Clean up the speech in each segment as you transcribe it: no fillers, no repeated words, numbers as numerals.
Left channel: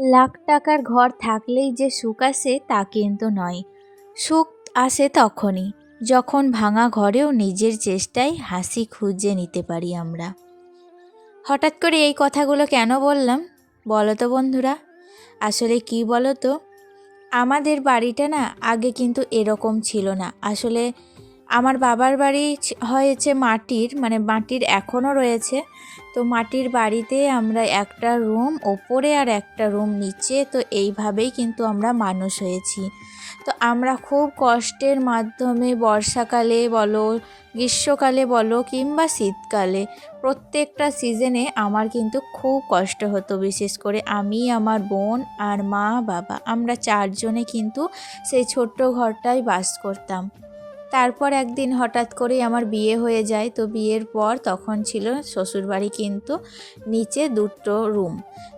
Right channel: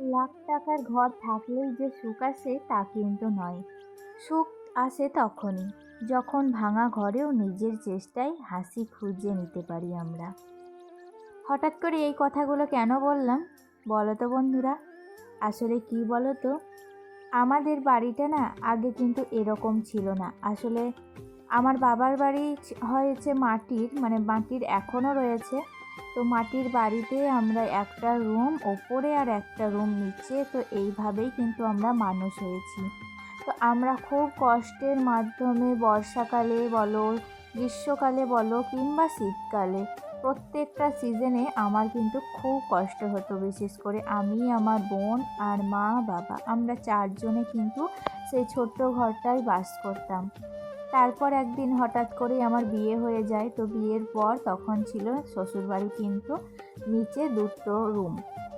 লাখ টাকার ঘর থাকলেই যে সুখ আসে তা কিন্তু নয়। সুখ আসে তখনই যখন ভাঙা ঘরেও নিজের চেষ্টায় হাসি খুঁজে নিতে পারি আমরা। হঠাৎ করে এই কথাগুলো কেন বললাম বলো তো বন্ধুরা? আসলে কি বলো তো, আমাদের বাড়িটা না আগে কিন্তু এরকম ছিল না। আসলে আমার বাবার বাড়ি হয়েছে মাটির, মানে মাটির এখনও রয়েছে। তো মাটির বাড়িতে আমরা একটা রুম ওপরে আর একটা রুম নিচে, তো এইভাবেই কিন্তু আমরা মানুষ হয়েছি। তো আমরা খুব কষ্টের মাধ্যমে বর্ষাকালে বলো, গ্রীষ্মকালে বলো কিংবা শীতকালে, প্রত্যেকটা সিজনে আমার কিন্তু খুব কষ্ট হতো। বিশেষ করে আমি, আমার বোন আর মা বাবা, আমরা চারজনে কিন্তু সেই ছোট্ট ঘরটায় বাস করতাম। তারপর একদিন হঠাৎ করেই আমার বিয়ে হয়ে যায়। তো বিয়ের পর তখন ছিল শ্বশুরবাড়ি কিন্তু নিচে দুটো রুম।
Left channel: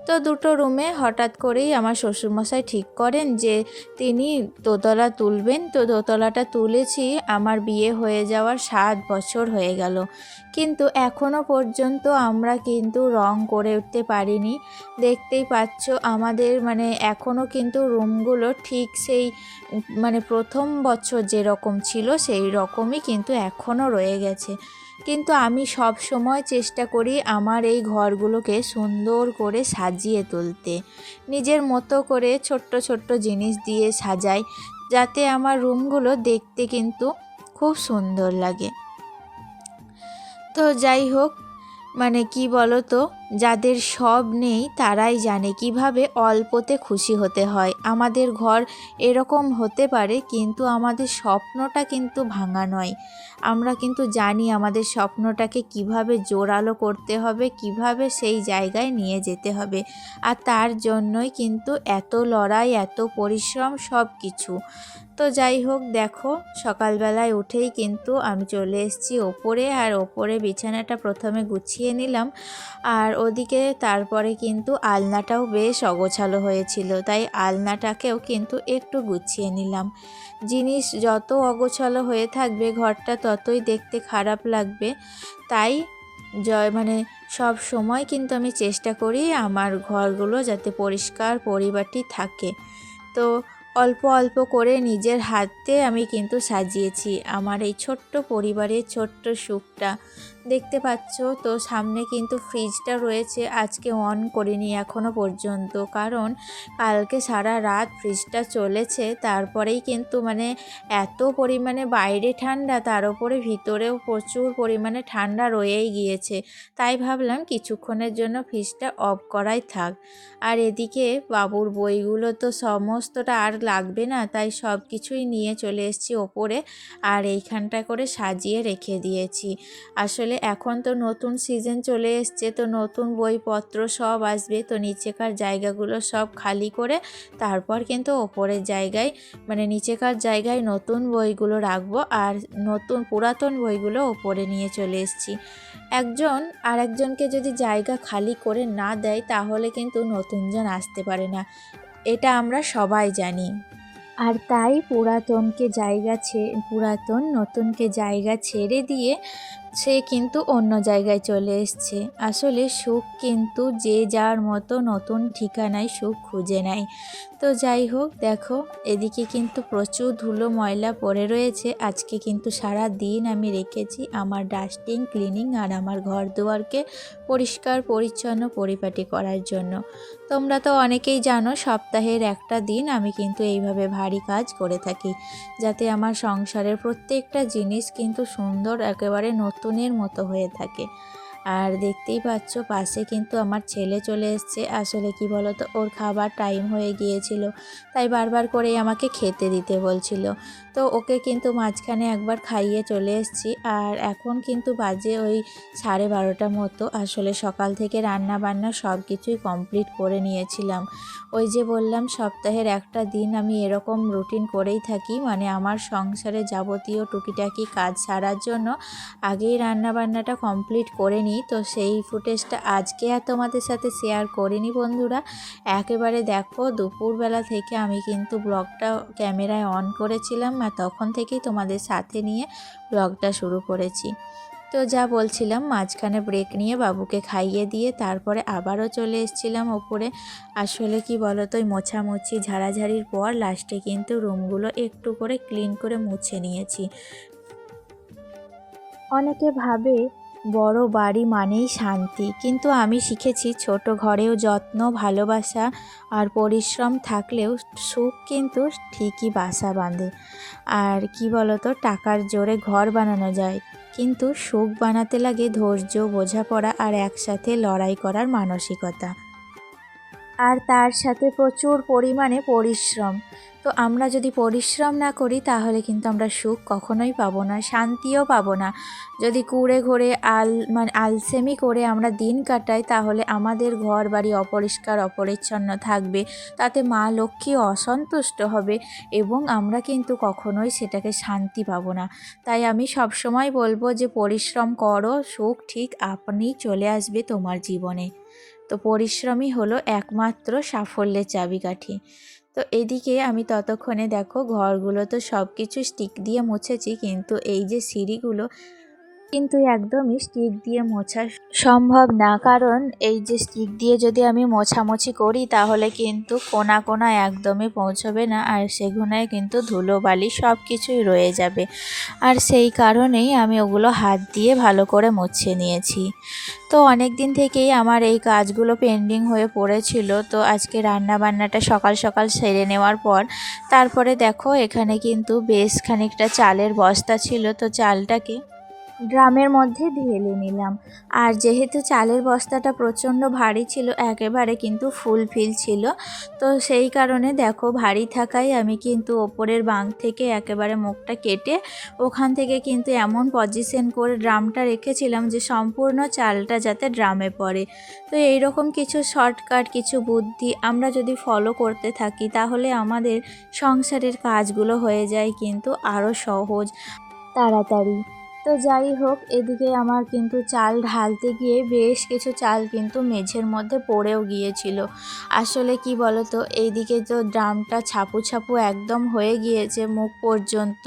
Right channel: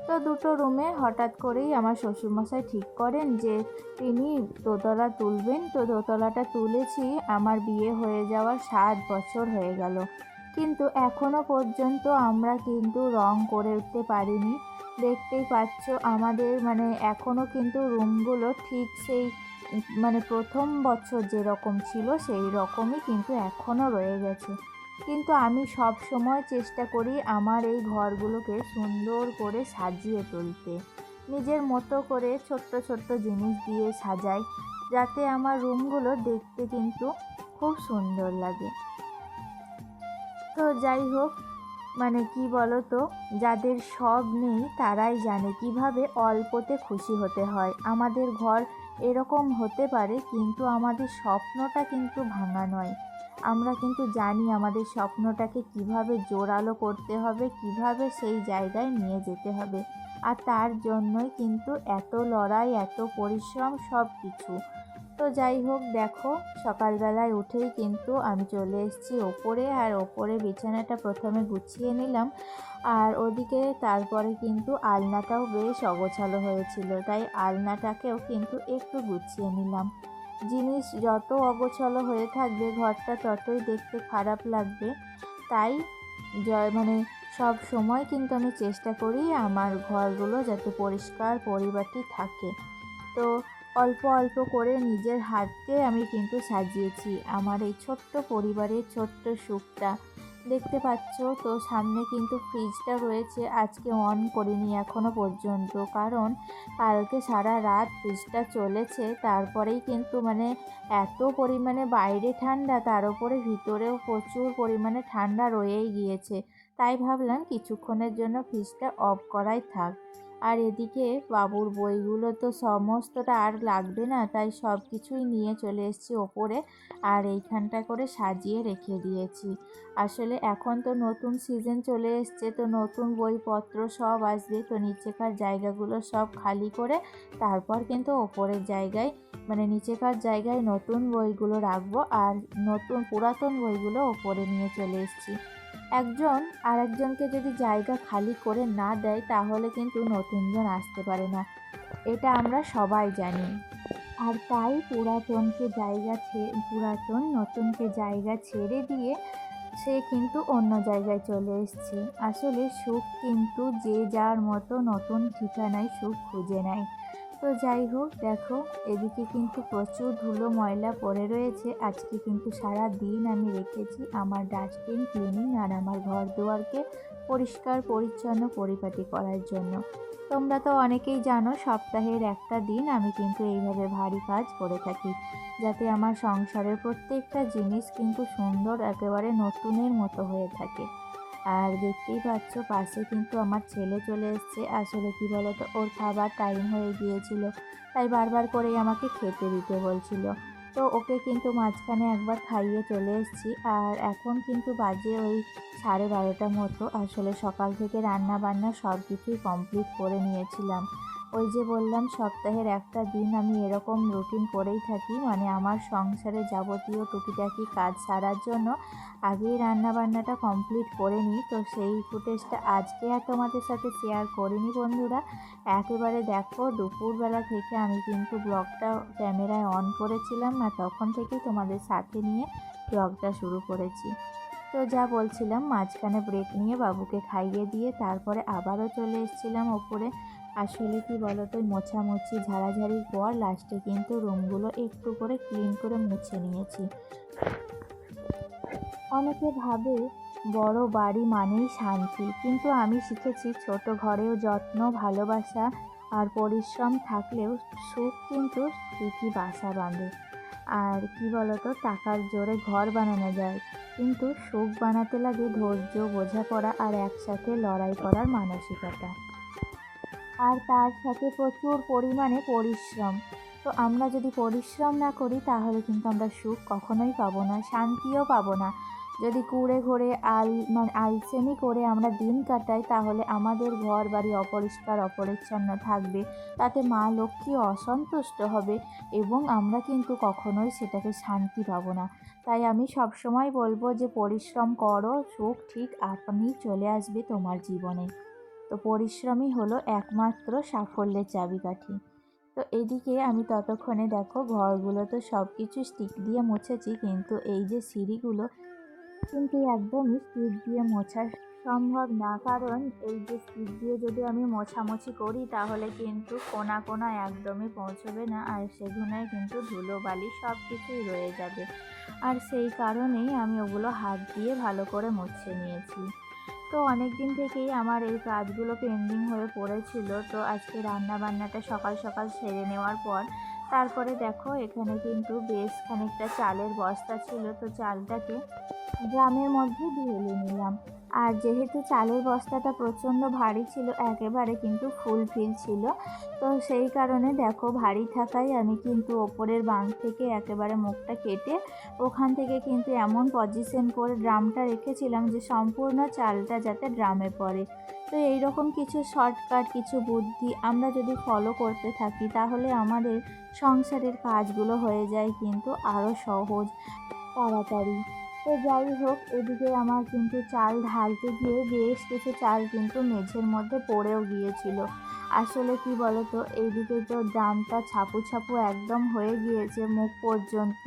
তো দুটো রুমে হঠাৎ করেই আমার শ্বশুরমশাই ঠিক করেন যে তিনি দোতলা তুলবেন। তো দোতলাটা তুলেছি, আমার বিয়ে হয়ে যাওয়ার 7 বছর হয়ে গেল, কিন্তু এখনও পর্যন্ত আমরা কিন্তু রং করে উঠতে পারিনি। দেখতেই পাচ্ছ আমাদের মানে এখনও কিন্তু রুমগুলো ঠিক সেই মানে প্রথম বছর যেরকম ছিল সেই রকমই কিন্তু এখনও রয়ে গেছে। কিন্তু আমি সব সময় চেষ্টা করি আমার এই ঘরগুলোকে সুন্দর করে সাজিয়ে তুলতে, নিজের মতো করে ছোট্ট ছোট্ট জিনিস দিয়ে সাজাই, যাতে আমার রুমগুলো দেখতে কিন্তু খুব সুন্দর লাগে। তো যাই হোক, মানে কি বলো তো, যাদের সব নেই তারাই জানে কিভাবে অল্পতে খুশি হতে হয়। আমাদের ঘর এরকম হতে পারে, কিন্তু আমাদের স্বপ্নটা কিন্তু ভাঙা নয়। আমরা কিন্তু জানি আমাদের স্বপ্নটাকে কিভাবে জোরালো করতে হবে, কিভাবে সেই জায়গায় নিয়ে যেতে হবে। আর তার জন্যই কিন্তু এত লড়াই, এত পরিশ্রম, সব কিছু। তো যাই হোক, দেখো সকালবেলায় উঠেই কিন্তু আমি চলে এসেছি ওপরে, আর ওপরে বিছানাটা প্রথমে গুছিয়ে নিলাম। আর ওদিকে তারপরে কিন্তু আলনাটাও বেশ অগোছালো হয়েছিল, তাই আলনাটাকেও কিন্তু একটু গুছিয়ে নিলাম। জিনিস যত অগোছালো হয়ে থাকবে ঘরটা ততই দেখতে খারাপ লাগবে। তাই মানে সব সময় কিন্তু আমি চেষ্টা করি আমার ঘরগুলো যাতে পরিষ্কার পরিপাটি থাকে। তো অল্প অল্প করে নিজের হাতে আমি কিন্তু সাজিয়েছি আমার এই ছোট্ট পরিবারের ছোট্ট সুখটা। দেখতে পাচ্ছ তো সামনে কিন্তু ফ্রিজটা রয়েছে, আজকে অন করিনি এখনও পর্যন্ত, কারণ কালকে সারা রাত ফ্রিজটা চলেছে। তারপরেই কিন্তু মানে এত পরিমাণে বাইরে ঠান্ডা, তার উপরে ভিতরেও প্রচুর পরিমাণে ঠান্ডা রয়েই গিয়েছে। তাই ভাবলাম কিছুক্ষণের জন্য ফ্রিজটা অফ করাই থাক। আর এদিকে বাবুর বইগুলো তো সমস্তটা আর লাগবে না, তাই সব কিছুই নিয়ে চলে এসেছি ওপরে, আর এইখানটা করে সাজিয়ে রেখে দিয়েছি। আসলে এখন তো নতুন সিজন চলে এসছে, তো নতুন বইপত্র সব আসবে, তো নিচেকার জায়গাগুলো সব খালি করে তারপর কিন্তু ওপরের জায়গায় মানে নিচেকার জায়গায় নতুন বইগুলো রাখবো, আর নতুন পুরাতন বইগুলো ওপরে নিয়ে চলে এসেছি। একজন আর একজনকে যদি জায়গা খালি করে না দেয় তাহলে কিন্তু নতুনজন আসতে পারে না, এটা আমরা সবাই জানি। আর তাই পুরাতন নতুনকে জায়গা ছেড়ে দিয়ে সে কিন্তু অন্য জায়গায় চলে এসছে। আসলে সুখ কিন্তু যে যার মতো নতুন ঠিকানায় সুখ খুঁজে নেয়। তো যাই হোক, দেখো এদিকে কিন্তু প্রচুর ধুলো ময়লা পড়ে রয়েছে। আজকে কিন্তু সারা দিন আমি রেখেছি আমার ডাস্টিং, ক্লিনিং আর আমার ঘর দুয়ারকে পরিষ্কার পরিচ্ছন্ন পরিপাটি করার জন্য। তোমরা তো অনেকেই জানো সপ্তাহের একটা দিন আমি কিন্তু এইভাবে ভারী কাজ করে থাকি, যাতে আমার সংসারের প্রত্যেকটা জিনিস কিন্তু সুন্দর একেবারে নতুনের মতো হয়ে থাকে। আর দেখতেই পাচ্ছ পাশে কিন্তু আমার ছেলে চলে এসছে। আসলে কি বলতো, ওর খাবার টাইম হয়ে গিয়েছিল, তাই বারবার করেই আমাকে খেতে দিতে বলছিল। তো ওকে কিন্তু মাঝখানে একবার খাইয়ে চলে এসেছি। আর এখন কিন্তু বাজে ওই 12:30 মতো। আসলে সকাল থেকে রান্না বান্না সব কিছুই কমপ্লিট করে নিয়েছিলাম। ওই যে বললাম সপ্তাহের একটা দিন আমি এরকম রুটিন করেই থাকি, মানে আমার সংসারে যাবতীয় টুকিটাকি কাজ সারার জন্য আগেই রান্নাবান্নাটা কমপ্লিট করে নিই। তো সেই ফুটেজটা আজকে আর তোমাদের সাথে শেয়ার করিনি বন্ধুরা। একেবারে দেখো দুপুরবেলা থেকে আমি কিন্তু ব্লগটা ক্যামেরায় অন করেছিলাম, আর তখন থেকেই তোমাদের সাথে নিয়ে ব্লগটা শুরু করেছি। তো যা বলছিলাম, মাঝখানে ব্রেক নিয়ে বাবুকে খাইয়ে দিয়ে তারপরে আবারও চলে এসেছিলাম ওপরে। আসলে কি বলো তো, ওই মোছামুছি ঝাড়াঝাড়ির পর লাস্টে কিন্তু রুমগুলো একটু করে ক্লিন করে মুছে নিয়েছি। অনেকে ভাবে বড় বাড়ি মানেই শান্তি, কিন্তু আমি শিখেছি ছোট ঘরেও যত্ন, ভালোবাসা আর পরিশ্রম থাকলেও সুখ কিন্তু ঠিকই বাসা বাঁধে। আর কি বলতো, টাকার জোরে ঘর বানানো যায়, কিন্তু সুখ বানাতে লাগে ধৈর্য, বোঝাপড়া আর একসাথে লড়াই করার মানসিকতা। আর তার সাথে প্রচুর পরিমাণে পরিশ্রম। তো আমরা যদি পরিশ্রম না করি তাহলে কিন্তু আমরা সুখ কখনোই পাবো না, শান্তিও পাবো না। যদি কুড়ে ঘরে আলসেমি করে আমরা দিন কাটাই তাহলে আমাদের ঘর বাড়ি অপরিষ্কার অপরিচ্ছন্ন থাকবে, তাতে মা লক্ষ্মী অসন্তুষ্ট হবে এবং আমরা কিন্তু কখনোই সেটাকে শান্তি পাবো না। তাই আমি সবসময় বলবো যে পরিশ্রম করো, সুখ ঠিক আপনিই চলে আসবে তোমার জীবনে। তো পরিশ্রমই হলো একমাত্র সাফল্যের চাবিকাঠি। তো এদিকে আমি ততক্ষণে দেখো ঘরগুলো তো সব কিছু স্টিক দিয়ে মুছেছি, কিন্তু এই যে সিঁড়িগুলো কিন্তু একদমই স্টিক দিয়ে মোছা সম্ভব না, কারণ এই যে স্টিক দিয়ে যদি আমি মোছামুছি করি তাহলে কিন্তু কোনা কোনা একদমই পৌঁছবে না, আর সেগুলোয় কিন্তু ধুলোবালি সব কিছুই রয়ে যাবে। আর সেই কারণেই আমি ওগুলো হাত দিয়ে ভালো করে মুছে নিয়েছি। তো অনেক দিন থেকেই আমার এই কাজগুলো পেন্ডিং হয়ে পড়েছিল। তো আজকে রান্না বান্নাটা সকাল সকাল সেরে নেওয়ার পর তারপরে দেখো এখানে কিন্তু বেশ খানিকটা চালের বস্তা ছিল, তো চালটাকে ড্রামের মধ্যে ঢেলে নিলাম। আর যেহেতু চালের বস্তাটা প্রচণ্ড ভারী ছিল, একেবারে কিন্তু ফুলফিল ছিল, তো সেই কারণে দেখো ভারী থাকায় আমি কিন্তু ওপরের বাঁক থেকে একেবারে মুখটা কেটে ওখান থেকে কিন্তু এমন পজিশন করে ড্রামটা রেখেছিলাম যে সম্পূর্ণ চালটা যাতে ড্রামে পড়ে। তো এইরকম কিছু শর্টকাট, কিছু বুদ্ধি আমরা যদি ফলো করতে থাকি তাহলে আমাদের সংসারের কাজগুলো হয়ে যায় কিন্তু আরও সহজ, তাড়াতাড়ি। তো যাই হোক, এদিকে আমার কিন্তু চাল ঢালতে গিয়ে বেশ কিছু চাল কিন্তু মেঝের মধ্যে পড়েও গিয়েছিল। আসলে কি বলতো, এইদিকে তো ড্রামটা ছাপু ছাপু একদম হয়ে গিয়েছে মুখ পর্যন্ত।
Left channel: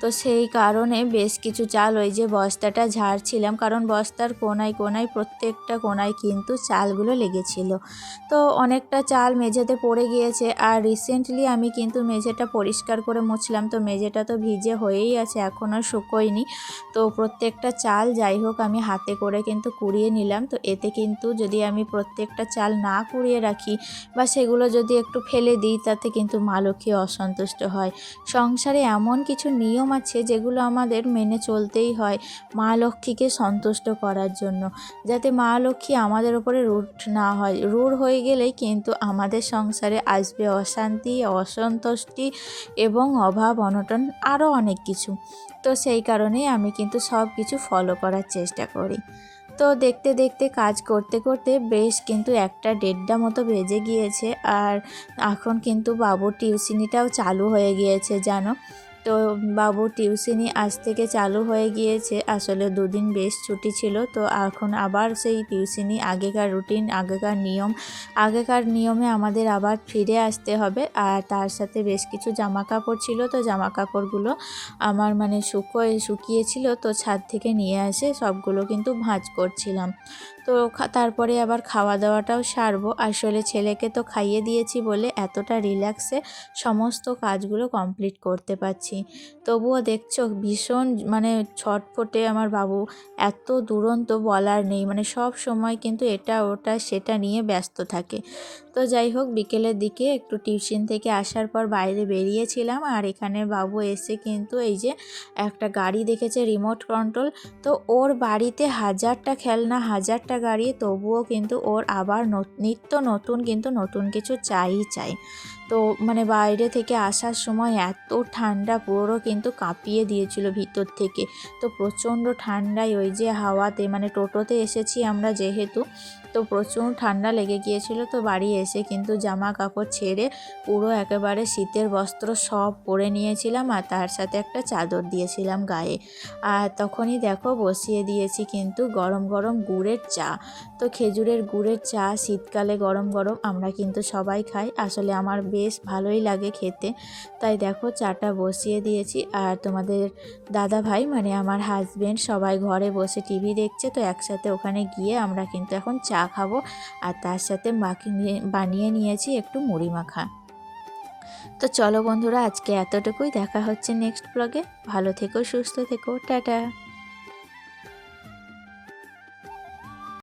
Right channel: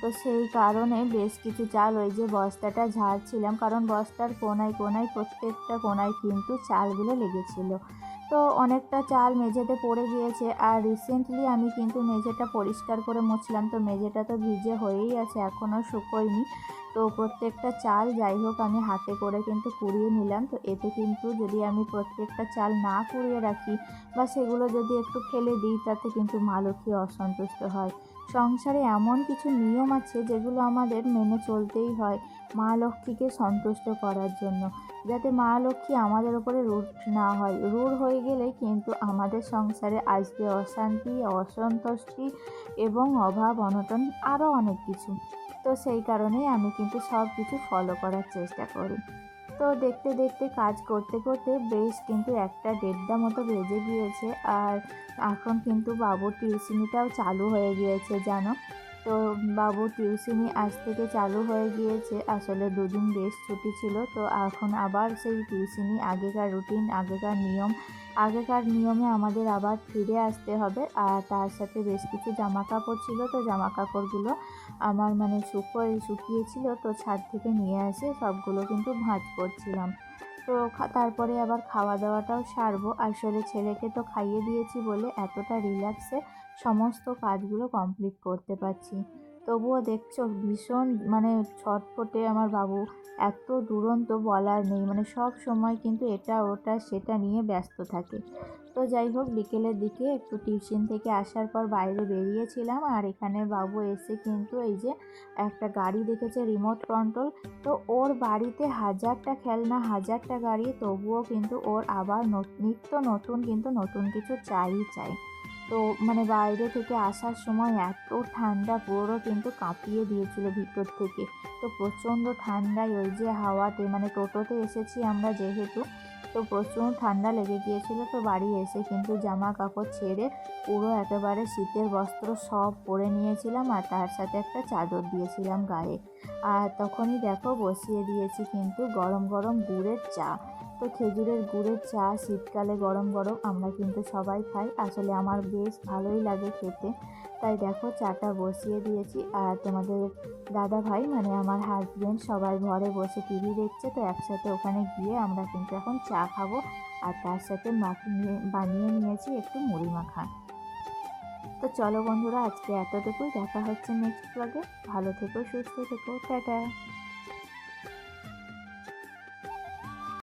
তো সেই কারণে বেশ কিছু চাল ওই যে বস্তাটা ঝাড়ছিলাম, কারণ বস্তার কোনায় কোনায় প্রত্যেকটা কোনায় কিন্তু চালগুলো লেগেছিল। তো অনেকটা চাল মেঝেতে পড়ে গিয়েছে। আর রিসেন্টলি আমি কিন্তু মেঝেটা পরিষ্কার করে মুছলাম, তো মেঝেটা তো ভিজে হয়েই আছে, এখনও শুকোয়নি। তো প্রত্যেকটা চাল যাই হোক আমি হাতে করে কিন্তু কুড়িয়ে নিলাম। তো এতে কিন্তু যদি আমি প্রত্যেকটা চাল না কুড়িয়ে রাখি বা সেগুলো যদি একটু ফেলে দিই তাতে কিন্তু মা লক্ষ্মী অসন্তুষ্ট হয়। সংসারে এমন কিছু নিয়ম আছে যেগুলো আমাদের মেনে চলতেই হয় মা লক্ষ্মীকে সন্তুষ্ট করার জন্য, যাতে মা লক্ষ্মী আমাদের ওপরে রুড না হয়। রুড হয়ে গেলেই কিন্তু আমাদের সংসারে আসবে অশান্তি, অসন্তুষ্টি এবং অভাব অনটন, আরও অনেক কিছু। তো সেই কারণেই আমি কিন্তু সব কিছু ফলো করার চেষ্টা করি। তো দেখতে দেখতে কাজ করতে করতে বেশ কিন্তু 1টা 1:30 মতো বেজে গিয়েছে। আর এখন কিন্তু বাবুর টিউশনিটাও চালু হয়ে গিয়েছে জানো। তো বাবুর টিউশনি আজ থেকে চালু হয়ে গিয়েছে। আসলে দুদিন বেশ ছুটি ছিল, তো এখন আবার সেই টিউশনি, আগেকার রুটিন, আগেকার নিয়মে আমাদের আবার ফিরে আসতে হবে। আর তার সাথে বেশ কিছু জামা কাপড় ছিল, তো জামা কাপড়গুলো আমার শুকিয়েছিল, তো ছাদ থেকে নিয়ে এসে সবগুলো কিন্তু ভাঁজ করছিলাম। তো তারপরে আবার খাওয়া দাওয়াটাও সারবো। আসলে ছেলেকে তো খাইয়ে দিয়েছি বলে এতটা রিল্যাক্সে সমস্ত কাজগুলো কমপ্লিট করতে পারছি। তবুও দেখছো ভীষণ ছটফটে আমার বাবু, এত দুরন্ত বলার নেই, সব সময় কিন্তু এটা ওটা সেটা নিয়ে ব্যস্ত থাকে। তো যাই হোক, বিকেলের দিকে একটু টিউশন থেকে আসার পর বাইরে বেরিয়েছিলাম, আর এখানে বাবু এসে কিন্তু এই যে একটা গাড়ি দেখেছে রিমোট কন্ট্রোল। তো ওর বাড়িতে হাজারটা খেলনা, হাজারটা গাড়ি, তবুও কিন্তু ওর আবার নিত্য নতুন কিন্তু নতুন কিছু চাই। তো বাইরে থেকে আসার সময় এত ঠান্ডা, পুরো কিন্তু কাঁপিয়ে দিয়েছিল ভিতর থেকে। তো প্রচণ্ড ঠান্ডায় ওই যে হাওয়াতে, টোটোতে এসেছি আমরা যেহেতু, তো প্রচুর ঠান্ডা লেগে গিয়েছিল। তো বাড়ি এসে কিন্তু জামা কাপড় ছেড়ে পুরো একেবারে শীতের বস্ত্র সব পরে নিয়েছিলাম, আর তার সাথে একটা চাদর দিয়েছিলাম গায়ে। আর তখনই দেখো বসিয়ে দিয়েছি কিন্তু গরম গরম গুড়ের চা। তো খেজুরের গুড়ের চা শীতকালে গরম গরম আমরা কিন্তু সবাই খাই। আসলে আমার বেশ ভালোই লাগে খেতে। তাই দেখো চাটা বসিয়ে দিয়েছি, আর তোমাদের দাদা ভাই মানে আমার হাজবেন্ড সবাই ঘরে বসে টিভি দেখছে, তো একসাথে ওখানে গিয়ে আমরা কিন্তু এখন চা খাবো। আর তার সাথে বানিয়ে নিয়েছি একটু মুড়ি মাখা। তো চলো বন্ধুরা, আজকে এতটুকুই। দেখা হচ্ছে নেক্সট ব্লগে। ভালো থেকো, সুস্থ থেকো, টাটা।